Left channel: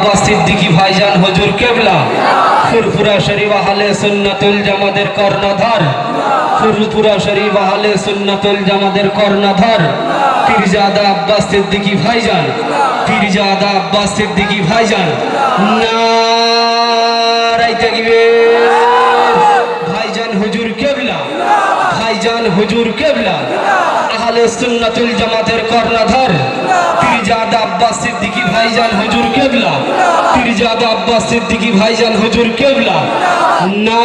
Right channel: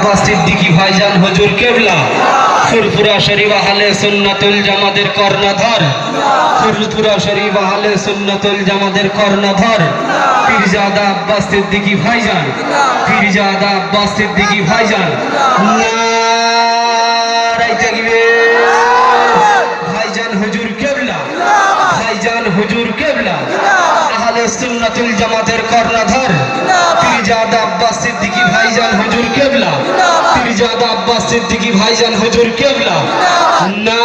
আব্বাস সিদ্দিকী ভাইজান হুজুর কেবলা ফুরফুরা শরীফ আহলে সুন্নাতুল জামাতের কর্ণধার, ফুরফুরা শরীফ আহলে সুন্নাতুল জামাতের কর্ণধার পীরজাদা আব্বাস সিদ্দিকী ভাইজান, পীরজাদা আব্বাস সিদ্দিকী ভাইজান নারায়ে তাকবীর। ভাইজান হুজুর কেবলা, ভাইজান হুজুর কেবলা আহলে সুন্নাতুল জামাতের কর্ণধার পীরজাদা আব্বাস সিদ্দিকী ভাইজান হুজুর কেবলা, পীরজাদা আব্বাস সিদ্দিকী ভাইজান হুজুর কেবলা না